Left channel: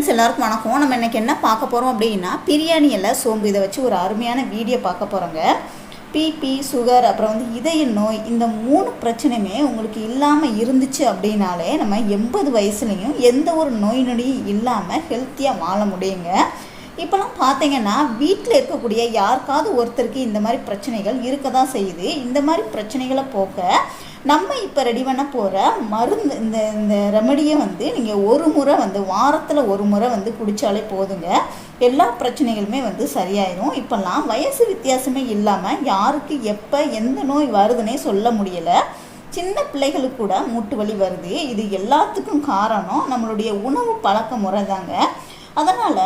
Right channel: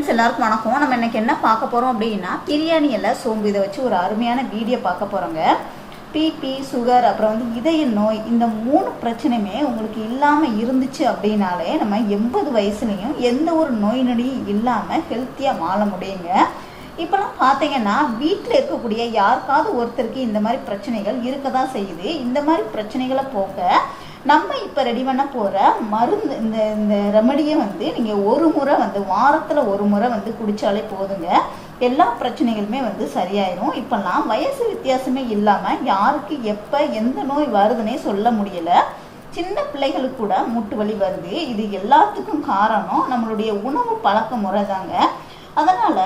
Friends எல்லாருக்கும் வணக்கம். நம்ம இன்னைக்கு என்ன பார்க்க போகிறோம் அப்படின்னா பிரியாணி எல்லாம் சோம்பு இதை வச்சு ஒரு அருமையான வீடியோ பார்க்க போகிறோங்க பிபி சுகர் அப்புறம் வந்து இதய நோய் இந்த மூணு பிரச்சனையுமே உங்களுக்கு இல்லாமல் இருந்துச்சு அப்படின்னாலே நம்ம எண்பது வயசுலேயும் எந்த ஒரு நோய் நொடியும் இல்லாமல் ஹெல்த்தியாக வாழ முடியுங்க. இப்போலாம் பார்த்தீங்கன்னா வீட்டில் இருக்கக்கூடிய யாருக்காவது ஒருத்தருக்கு இந்த மாதிரி பிரச்சனைகள் இருக்க தான் செய்யுது. இந்த மாதிரி பிரச்சனைகளை போக்க இப்போ ரெடி பண்ண போகிற மருந்து இந்த இந்த ரெமடியை வந்து நீங்கள் ஒரு முறை வந்து வாரத்தில் ஒரு முறை வந்து குடித்தாலே போதுங்க. எல்லா பிரச்சனைகளுமே வந்து சரியாயிரும். இப்போல்லாம் வயசு வித்தியாசமே இல்லாமல் யாருக்கு எப்போ எந்த நோய் வருதுன்னே சொல்ல முடியலை. சின்ன பிள்ளைகளுக்கு கூட மூட்டு வலி வருது. இது எல்லாத்துக்கும் காரணம் நம்மளுடைய உணவு பழக்க முறை தாங்க அதனால்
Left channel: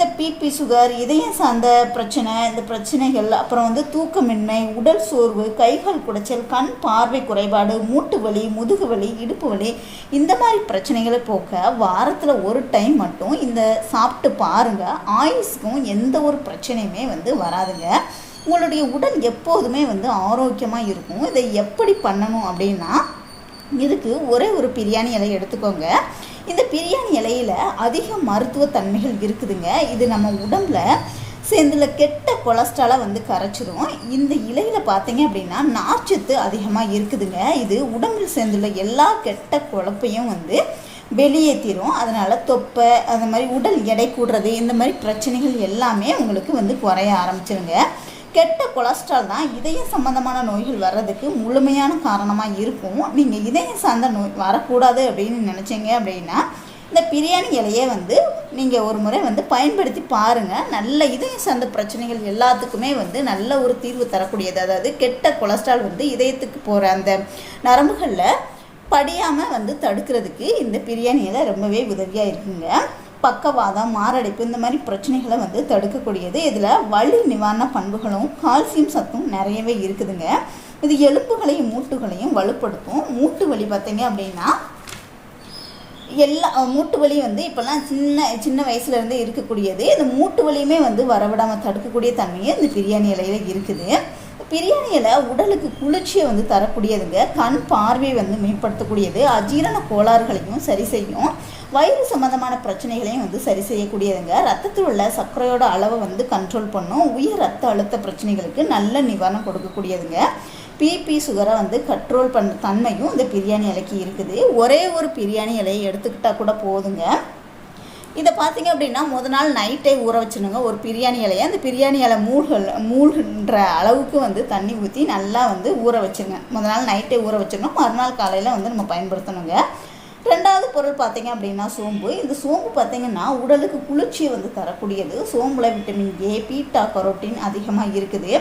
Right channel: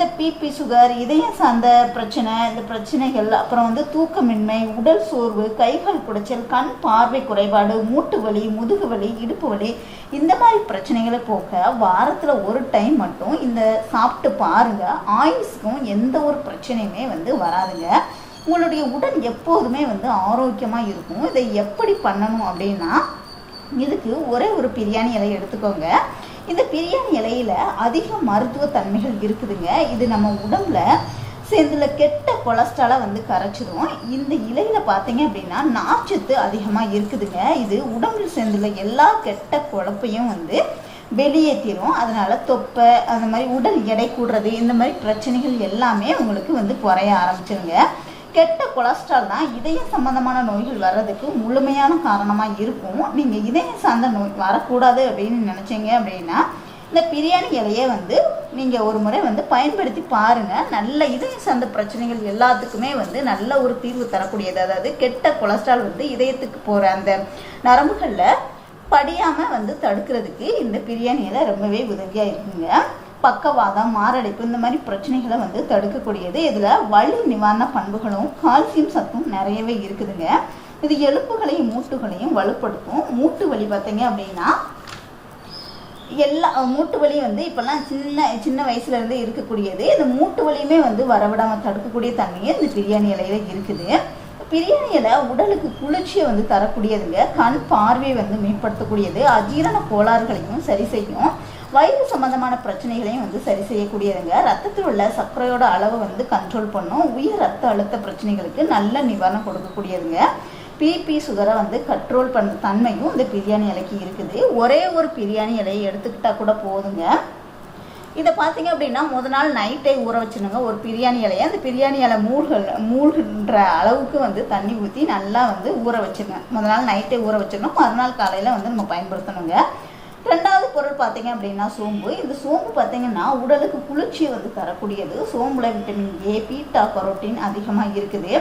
இந்த பிபி சுகர் இதயம் சார்ந்த பிரச்சனை இந்த பிரச்சனைகள் அப்புறம் வந்து தூக்கமின்மை உடல் சோர்வு கைகள் குடைச்சல் கண் பார்வை குறைபாடு மூட்டு வலி முதுகு வலி இடுப்பு வலி இந்த மாதிரி பிரச்சனைகளை போக்க வாரத்தில் ஒரு டைம் மட்டும் இந்த சாப்பிட்டு பாருங்க. ஆயுஸ்க்கும் எந்த ஒரு பிரச்சனையுமே வந்து வராதுங்க. உங்களுடைய உடல் எப்போதுமே வந்து ஆரோக்கியமாக இருக்கும். இதை எப்படி பண்ணணும் அப்படின்னா இதுக்கு ஒரே ஒரு பிரியாணி இலை எடுத்துக்கோங்க. இந்த பிரியாணி இலையில அதிக மருத்துவ தன்மைகள் இருக்குதுங்க. இது நம்ம உடம்புல சேர்ந்துல கெட்ட கொலஸ்ட்ராலை வந்து கரைச்சிரும். இந்த இலையில பார்த்தீங்க அப்படின்னா நார்ச்சத்து அதிகமாக இருக்குதுங்க. இது உடம்புல சேர்ந்துள்ள எல்லா கெட்ட குழப்பையும் வந்து வெளியேற்றிடும் அதனால தொப்பை அந்த மாதிரி உடல் எடை கூடுறது இந்த மாதிரி பிரச்சனைகள் எல்லாமே உங்களுக்கு வந்து குறைய ஆரம்பிச்சிருங்க. கெட்ட கொலஸ்ட்ரால் தான் இதய சம்பந்தமான நோய்கள் வர்றதுக்கு முழுமையான காரணமாக இருக்கும். நீங்கள் இதயம் சார்ந்த நோய் வரக்கூடாது அப்படின்னு நினச்சிங்க அப்படின்னா இந்த பிரியாணி இலையே வந்து நீங்கள் ஒரு முறை வந்து பயன்படுத்தி பாருங்கள் நல்ல இதயம் சார்ந்த பிரச்சனைகள் எல்லாத்துக்குமே வந்து நல்ல ஒரு தீர்வு தரக்கூடியது. அதாவது கெட்ட கொலஸ்ட்ரால் வந்து இதயத்துக்கு போகிற அந்த நரம்புகளில் படியாமல் வந்து தடுக்கிறதுக்கு இந்த பிரியாணி இலை ரொம்பவே உதவியாக இருக்குங்க. பக்கவாதம் மாரடைப்பு இந்த மாதிரி பிரச்சனைகளை வந்து தடுக்கக்கூடியது. இதில் வலி நிவாரண பண்புகளும் கால்சியம் சத்தும் நிறையவே இருக்குதுங்க. இது எலும்புகளையும் மூட்டுகளையும் வலுப்படுத்தும். மூட்டு வலி பார்த்தீங்க அப்படின்னா எல்லா மூட்டு வலி வந்து இப்போல்லாம் சின்ன சின்ன வயசுலேருந்து இருக்கக்கூடியது. இந்த மூட்டு வலியுமே வந்து வரவிடாமல் தடுக்கக்கூடிய தன்மையே இந்த பிரியாணி இலையில் இருக்குது. பிரியாணி இலை உடலுக்கு குளிர்ச்சியை வந்து தரக்கூடியதுங்க. கண் பார்வையை வந்து மேம்படுத்தக்கூடியது. அஜீரண கோளாறுகளையும் சரி செய்யும். வயிறு சம்பந்தமான பிரச்சனைகளையும் வந்து சரி செய்யக்கூடியதுங்க. ரத்தத்தில் உள்ள சர்க்கரையோட அளவை வந்து கண்ட்ரோல் பண்ணும். உயர் ரத்த அழுத்த பிரச்சனைகளுக்கு நல்ல நிவாரணம் கொடுக்கக்கூடியதுங்க. பிபி சுகரை வந்து கண்ட்ரோல் பண்ண தன்மையும் இந்த பிரியாணி இலைக்கு இருக்குது. ஒரே ஒரு பிரியாணி இலையை எடுத்துக்கிட்டால் கூட போதுங்க. இதை பார்த்தீங்க அப்படின்னா முத நாள் நைட்டே ஊற வச்சுருங்க. ஒரு பிரியாணி இலையை. அந்த பிரியாணி இலை மூழ்கள் மூழ்கின்ற அளவுக்கு வந்து தண்ணி ஊற்றி நல்லா வந்து ஊற வச்சுருங்க. முத நாள் நைட்டே ஊற வச்சுருங்க மறுநாள் காலையில் வந்து நம்ம பயன்படுத்தணுங்க. ரெண்டாவது பொருள் பார்த்தீங்க அப்படின்னா சோம்பு. இந்த சோம்பு பார்த்தீங்கன்னா உடலுக்கு குளிர்ச்சியை வந்து தரக்கூடியது. சோம்புல விட்டமின் ஏ பீட்டா கரோட்டின் அதிகமாக இருக்குது.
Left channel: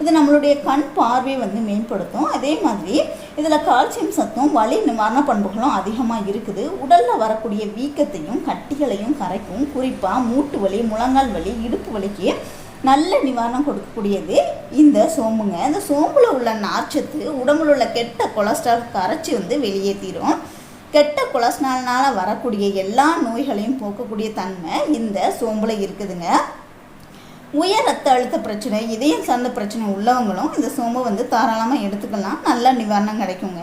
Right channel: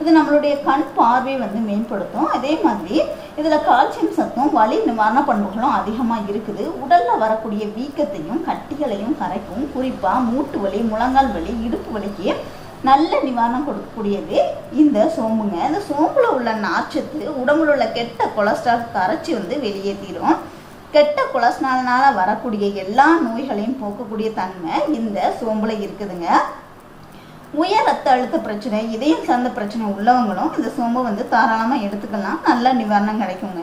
இது நம்மளுடைய கண் பார்வையை வந்து மேம்படுத்தும். அதே மாதிரி இதில் கால்சியம் சத்தும் வலி நிவாரண பண்புகளும் அதிகமாக இருக்குது. உடலில் வரக்கூடிய வீக்கத்தையும் கட்டிகளையும் கரைக்கும். குறிப்பாக மூட்டு வலி முழங்கால் வலி இடுப்பு வலிக்கு நல்ல நிவாரணம் கொடுக்கக்கூடியது இந்த சோம்புங்க. இந்த சோம்புல உள்ள நார்ச்சத்து உடம்புல உள்ள கெட்ட கொலஸ்ட்ரால் கரைச்சி வந்து வெளியேற்றிடும் கெட்ட கொலஸ்ட்ரால்னால வரக்கூடிய எல்லா நோய்களையும் போக்கக்கூடிய தன்மை இந்த சோம்புல இருக்குதுங்க. உயர் ரத்த அழுத்த பிரச்சனை இதயம் சார்ந்த பிரச்சனை உள்ளவங்களும் இந்த சோம்பை வந்து தாராளமாக எடுத்துக்கலாம். நல்ல நிவாரணம் கிடைக்குங்க.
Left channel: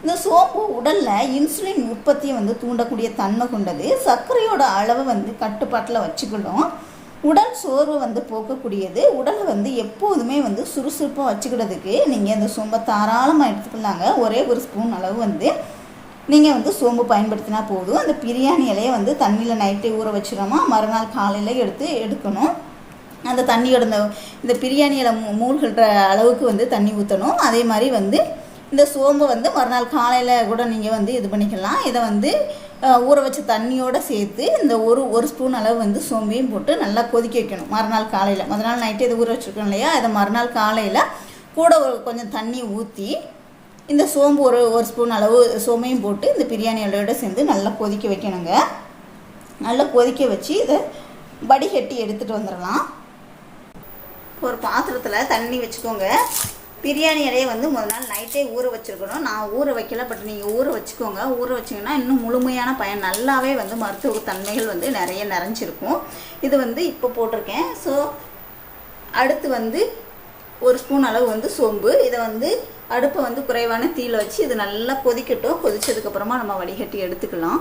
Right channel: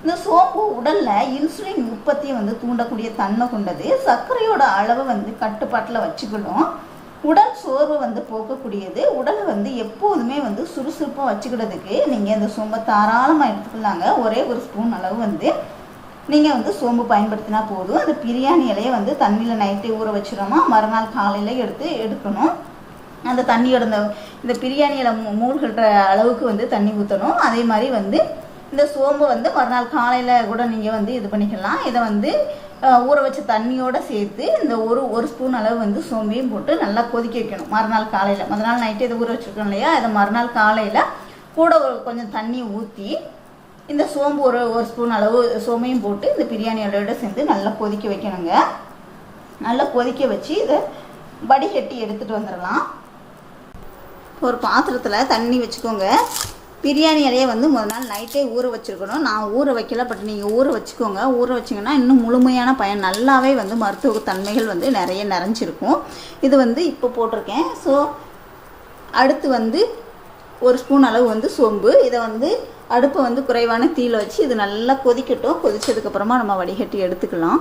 இந்த சோம்பு உடல்ல இன்சுலின் உற்பத்தியை வந்து தூண்டக்கூடிய தன்மை கொண்டது. சர்க்கரையோட அளவை வந்து கட்டுப்பாட்டில் வச்சுக்கிடும் உடல் சோர்வை வந்து போக்கக்கூடியது. உடலை வந்து எப்போதுமே வந்து சுறுசுறுப்பாக வச்சுக்கிறதுக்கு நீங்கள் இந்த சோம்பை தாராளமாக எடுத்துக்கலாங்க. ஒரே ஒரு ஸ்பூன் அளவு வந்து நீங்கள் வந்து சோம்பு பயன்படுத்தினா போதும். அந்த பிரியாணி இலையை வந்து தண்ணியில் நைட்டே ஊற வச்சிடணுமா. மறுநாள் காலையில் எடுத்து எடுக்கணும். அந்த தண்ணியோட இந்த இந்த பிரியாணி இலை மூ மூழ்கிற அளவுக்கு வந்து தண்ணி ஊற்றணும் அதே மாதிரி வந்து இந்த சோம்பை வந்து மறுநாள் காலையில் கூட நீங்கள் வந்து இது பண்ணிக்கலாம். இதை வந்து ஊற வச்ச தண்ணியோடு சேர்த்து இந்த ஒரு ஒரு ஸ்பூன் அளவு வந்து சோம்பையும் போட்டு நல்லா கொதிக்க வைக்கணும். மறுநாள் காலையில். முதல் நாள் நைட்டு இதை ஊற வச்சுருக்கோம் இல்லையா? அதை மறுநாள் காலையில் கூட ஒரு கொஞ்சம் தண்ணி ஊற்றி இந்த சோம்பு ஒரு ஒரு ஸ்பூன் அளவு சோம்பையும் போட்டு இந்த பிரியாணி இலையோட சேர்ந்து நல்லா கொதிக்க வைக்கணுங்க. நல்லா கொதிக்க வச்சு இதை வடிகட்டி எடுத்துகிட்டு வந்துடலாம். ஒரு பாத்திரத்தில் தண்ணி வச்சுக்கோங்க. பிரியாணி இலையை வந்து முதல் நாள் நைட்டே ஊற வச்சுருக்கணும். நான் ஊற வைக்கல பட் நீங்கள் ஊற வச்சுக்கோங்க. ஊற வச்சிங்கன்னா இன்னும் முழுமையான பயன் நல்லாவே வந்து மருத்துவ தன்மைகள் வந்து நிறைய நிறைஞ்சிருக்கும். இது வந்து இப்போ போட்டிருக்கேன். ஸோ அடுத்து வந்து ஒரு ஸ்பூன் அளவு வந்து சோம்பு. இதை வந்து அடுப்பை வந்து குறைவான தீயில் வச்சு இது நல்லா கொதிக்கட்டும். கொதிச்சதுக்கப்புறமா நம்ம வடிகட்டி எடுத்துக்கலாம்.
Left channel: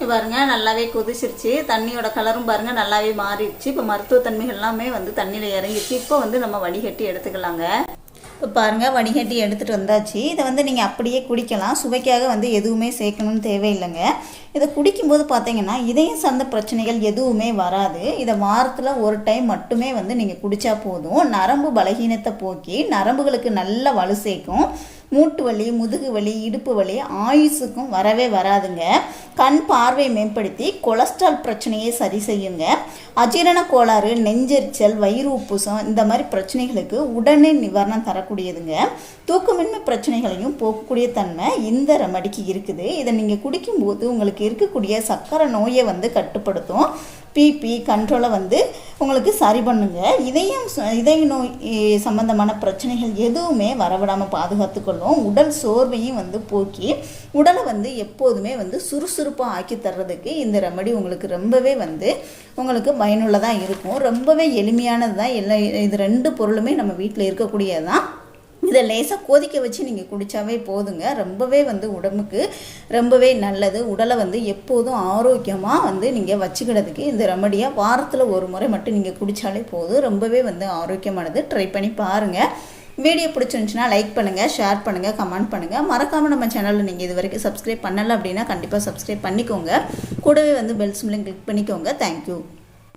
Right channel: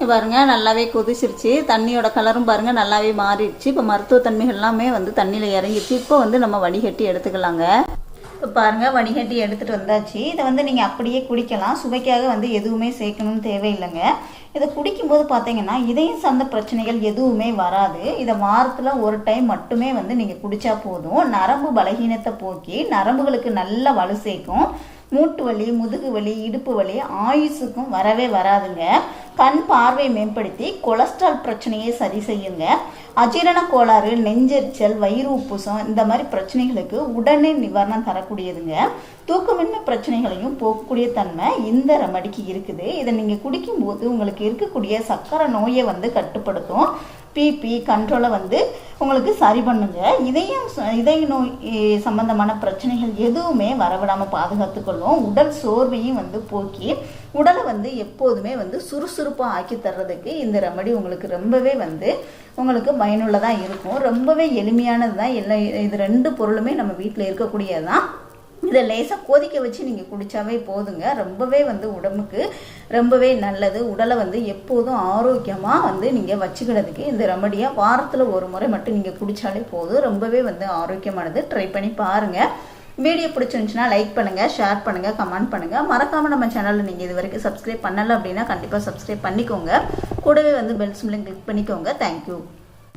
பாருங்கள் பாருங்க நல்லாவே கொதிச்சிருச்சு. தண்ணியோட கலரும் பாருங்க நல்லாவே மாறிடுச்சு. இப்போ மருத்துவ தன்மைகள் எல்லாமே வந்து தண்ணியில் இறங்கிடுச்சு. இப்போ வந்து நம்ம வடிகட்டி எடுத்துக்கலாங்க. இப்போ பாருங்க வடிகட்டி எடுத்துகிட்டு வந்தாச்சு. இதை வந்து நீங்கள் அப்படியே குடிக்கலாம். சுவைக்காக வந்து எதுவுமே சேர்க்கணும்னு தேவையில்லைங்க. இதை குடிக்கும்போது பார்த்தீங்கன்னா இதயம் சார்ந்த பிரச்சனைகள் எதுவுமே வராது. இதை வாரத்தில் ஒரு டைம் மட்டுமே வந்து நீங்கள் குடித்தா போதும். நரம்பு பலகீனத்தை போக்கி நரம்புகளுக்கு நல்ல வலு சேர்க்கும். மூட்டு வலி முதுகு வலி இடுப்பு வலி ஆயுசுக்கும் வரவே வராதுங்க. கண் பார்வை மேம்படுத்தி கொலஸ்ட்ரால் பிரச்சனையை சரி செய்யுங்க. அஜீரண கோளாறு நெஞ்செரிச்சல் வயிறு உப்புசம் இந்த மாதிரி பிரச்சனைகளுக்கு உடனே நிவாரணம் தரக்கூடியதுங்க. தூக்கமின்மை பிரச்சனைகளையும் போக்கக்கூடிய தன்மை இந்த ரெமடிக்கு இருக்குது. இதை நீங்கள் குடிக்கும்போது உங்களுக்கு இருக்கக்கூடிய சக்கரை நோயை வந்து கட்டுப்படுத்தும். பிபி கண்ட்ரோலை வந்து உங்களுக்கு சரி பண்ணுங்க. இதயம் ச- இதய நோய் சம்பந்தமான பிரச்சனைகள் எதுவுமே வரவிடாமல் பாதுகாத்துக்கொள்ளும். உடல் சோர்வையும் வந்து போக்கி உடலை வந்து எப்போதுமே வந்து சுறுசுறுப்பாக ஆக்கி தர்றதுக்கு இந்த ரெமடி உங்களுக்கு ரொம்பவே வந்து உங்களுக்கு பயனுள்ளதாக இருக்கும். ரொம்பவே எளிமையானது தான் எல்லா இது ரெண்டு பொருளுமே நம்ம வீட்டில் இருக்கக்கூடியதான் இதை லேசாக கொதிக்க வச்சு நீங்கள் குடித்தாவே போதுங்க. ரொம்பவே வந்து உடம்புக்கு ரொம்பவே நல்லது. உடலை வந்து எப்போதும் ஆரோக்கியமாக வந்து நீங்கள் வச்சுக்கிறதுக்கு இந்த ரெமடியாக வாரத்தில் ஒரு முறை மட்டும் நீங்கள் குடித்தாலே போதும். ரொம்பவே வந்து ஆரோக்கியமானது. ட்ரை பண்ணி பாருங்கள் வீடியோ பிடிச்சிருந்துச்சுன்னா லைக் பண்ணுங்கள் ஷேர் பண்ணுங்கள் கமெண்ட் பண்ணுங்கள் மறக்காமல் நம்ம சேனலில் நீங்கள் இது வரைக்கும் சப்ஸ்கிரைப் பண்ணலை அப்படின்னா கண்டிப்பாக சப்ஸ்கிரைப் பண்ணிக்கோங்க. கூடவே வந்து பெல் சிம்லையும் கிளிக் பண்ணிக்கோங்க. Thank you